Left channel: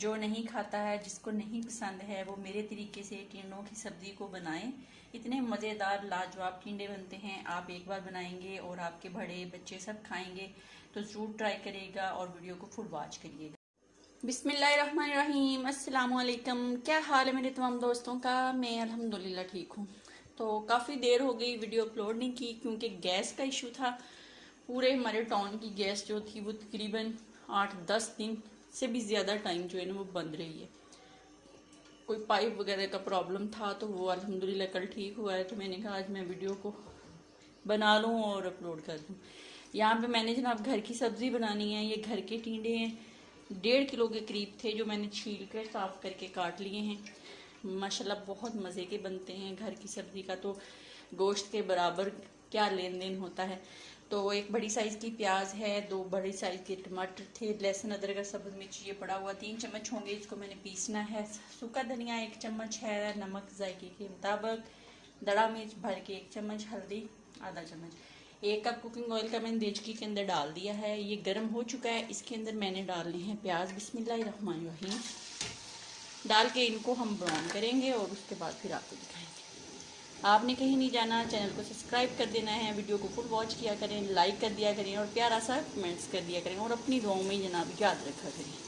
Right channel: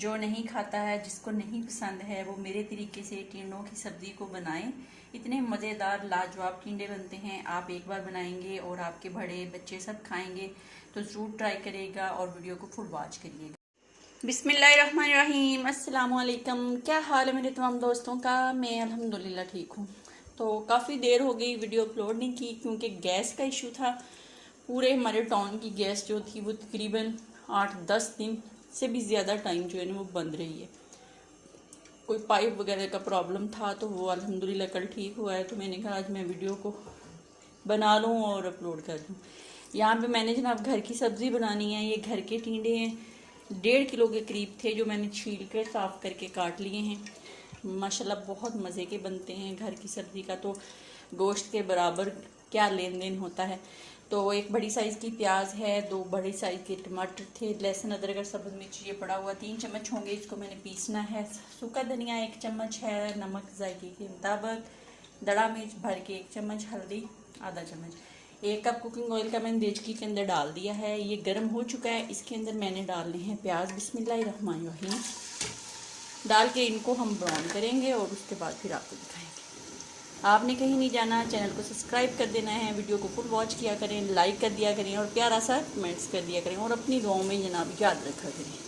जो नहीं खाता है, जिसको नहीं पसंद है, वो मेरे तरीके से टिंडों की सब्जी को बनाएं। इतने मज़ेदार लाजवाब टिंडे बनते हैं। आप एक बार बनाएंगे और आपके बड़े बच्चे सब खाएंगे, तो ज़रूर ट्राई करिएगा और वीडियो को फुल वॉच करिएगा। बिस्मिल्लाहिर्रहमानिर्रहीम, अस्सलाम वालेकुम। क्या हाल है मेरे तमाम दोस्तों का? मैं अल्हम्दुलिल्लाह ठीक हूँ। तो काफ़ी देर हो गई वीडियो अपलोड नहीं की, क्योंकि गैस का इशू था। पूरे हमारे टाउन की गैस जो थी वो तकरीबन 8-10 दिन से भी ज़्यादा टाइम जो है ना वो बंद रही है। कोई पाइप वगैरह का प्रॉब्लम था, तो वो अल्हम्दुलिल्लाह कल ठीक हुआ है। तो मैंने कहा आज मैं वीडियो को बना लूँ और अपलोड कर दूँ। यहाँ पे मैंने जनाब घर की सब्ज़ी बनानी है। ये घर के टिंडे हैं, 1.5 किलो के करीब थे, जो मैंने छील कर साफ़ करके काट लिए हैं। माशाल्लाह बहुत मज़े के बनते हैं। घर की सब्ज़ी का तो गोश्त के बराबर क्या लेन देन होता है। तो एक बड़ी साइज़ की प्याज है, 2 बड़ी साइज़ के टमाटर थे, लहसुन अदरक और सब्ज़ मिर्च ये पड़ा हुआ 3 चम्मच होंगे, इसको मैंने पीसना है। सूखा धनिया 1 चम्मच है, नमक जायके के मुताबिक, दड़ा मिर्च भर के 1 चम्मच, हल्दी आधा चम्मच, 1 कप कुकिंग ऑयल का मैंने देचकी के अंदर डाल दिया है। ये गर्म हो चुका है। इसके अंदर मैंने डालने हैं प्याज। बिस्मिल्लाहिर्रहमानिर्रहीम डाल के इनको हम ब्राउन करेंगे और उसके बाद फिर आपको दिखाएंगे। आपने कहीं नहीं जाना, चैनल को सब्सक्राइब कर देना है, वीडियो को फुल वॉच किया करें, लाइक कर दिया करें और प्यारा सा कमेंट्स कर दिया करें और अपनी दुआओं में जनाब याद रखा करें।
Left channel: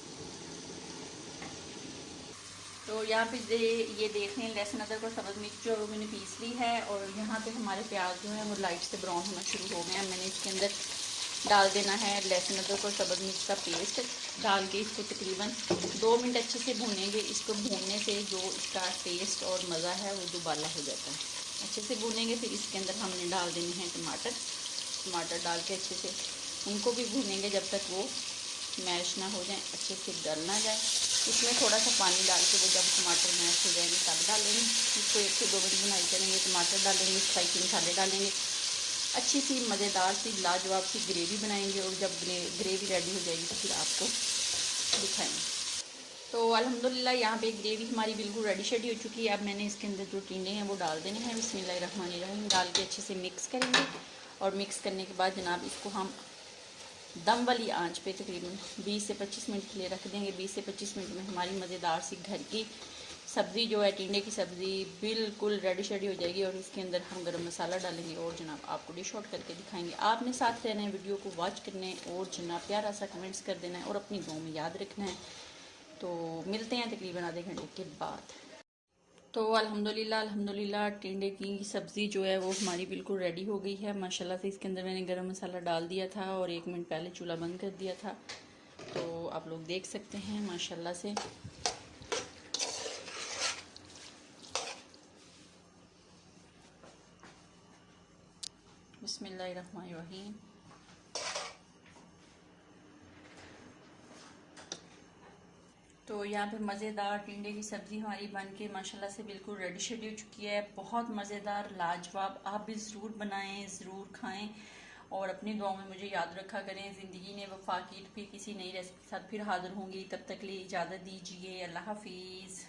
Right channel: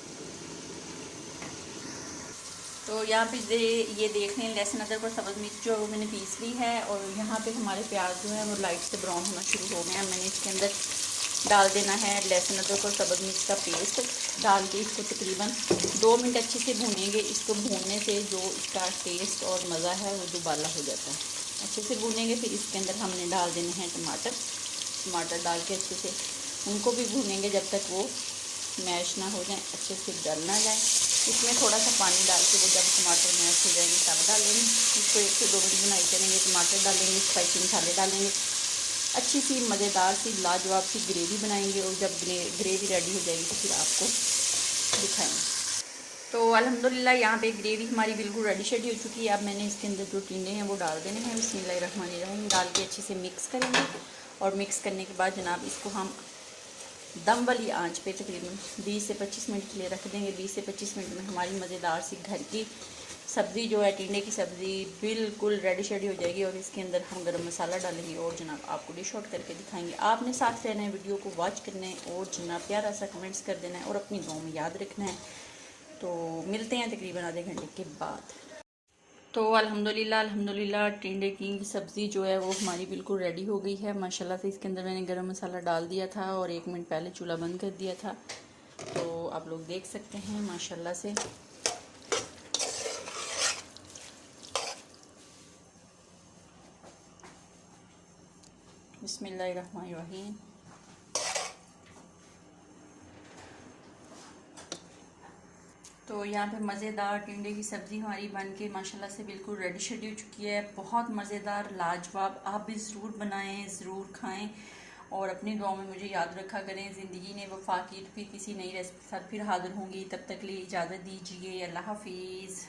तो यहाँ पे ये देख लें, लहसुन अदरक और सब्ज़ मिर्च जो मैंने पीस ली है और यहाँ पे हमारे प्याज जो है वो लाइट से ब्राउन होना शुरू हो गए हैं। मैंने इसके अंदर डाल देना है लहसुन अदरक और सब्ज़ मिर्च का पेस्ट डाल के इसको तकरीबन 2 मिनट अच्छे से भूनेंगे। इसको भूनने से जो इसका टेस्ट और मज़ा है वो दोबारा हो जाता है। अच्छे से भूनेंगे। फिर इसके अंदर हमने डाल देने हैं टमाटर डाल के अच्छे से उनको भी भूनेंगे जब तक वो मैश ना हो जाए, अच्छे से गल ना जाए। इसमें थोड़ा सा पानी डाल के वो जब टमाटर मैश हो जाएंगे तब डालेंगे। इसको 1 से 2 मिनट बनाई करेंगे। टमाटर डालेंगे, स्पाइसी मसाले डालेंगे, अच्छी सी मज़ेदार सी लाजवाब सी ग्रेवी बनाएंगे और जब ग्रेवी रेडी हो जाएगी तो फिर आपको दिखाएंगे। तो अल्हम्दुलिल्लाह यहाँ पे ग्रेवी हमारी बिल्कुल रेडी शेडी हो चुकी है। अब मैंने इसके अंदर जो टिंडे हैं वो डाल देने हैं। बिस्मिल्लाहिर्रहमानिर्रहीम डाल के अच्छे से मिक्स करेंगे और मिक्स करने के बाद जनाब इसको हम दम वाली आंच पे तकरीबन 20 से 25 मिनट के लिए रख देंगे। 20 से 25 मिनट में हमारी मज़ेदार सी घर की सब्ज़ी जो है टिंडे की सब्ज़ी बिल्कुल रेडी शेडी हो जाएगी और इसके अंदर हम गरम मसाला डालेंगे और जनाब आपको डिश आउट करके दिखाएंगे। आपने साथ रहना है, वीडियो को वॉच करना है और जनाब प्यारा सा कमेंट्स कर देना है और अपनी दुआओं में याद रखना है। तो मिलते हैं तकरीबन आधे घंटे के बाद। तो अल्हम्दुलिल्लाह टिंडे की सब्ज़ी जो है वो हमारी बिल्कुल रेडी हो गई है माशाल्लाह से। इसके अंदर मैंने गरम मसाला डाल दिया था और 1 मिनट पहले चूल्हा बंद कर दिया था। तो आप लोग देख सकते हैं माशाल्लाह से बिस्मिल्लाहिर्रहमानिर्रहीम। तो यहाँ पे मज़ेदार टिंडे की सब्ज़ी हमारी बन के माशाल्लाह से बिल्कुल रेडी शेडी हो चुकी है। बहुत मज़ेदार लाजवाब, आप भी ज़रूर बनाएं, ज़रूर खाएं और अपनी दुआओं में मुझे याद रखा करें। ज़िंदगी ने वफा की, तो फिर किसी नई रेसिपी के साथ फिर हाज़िर होंगी। तब तक लिए इजाज़त दीजिए। अल्लाह हाफिज़।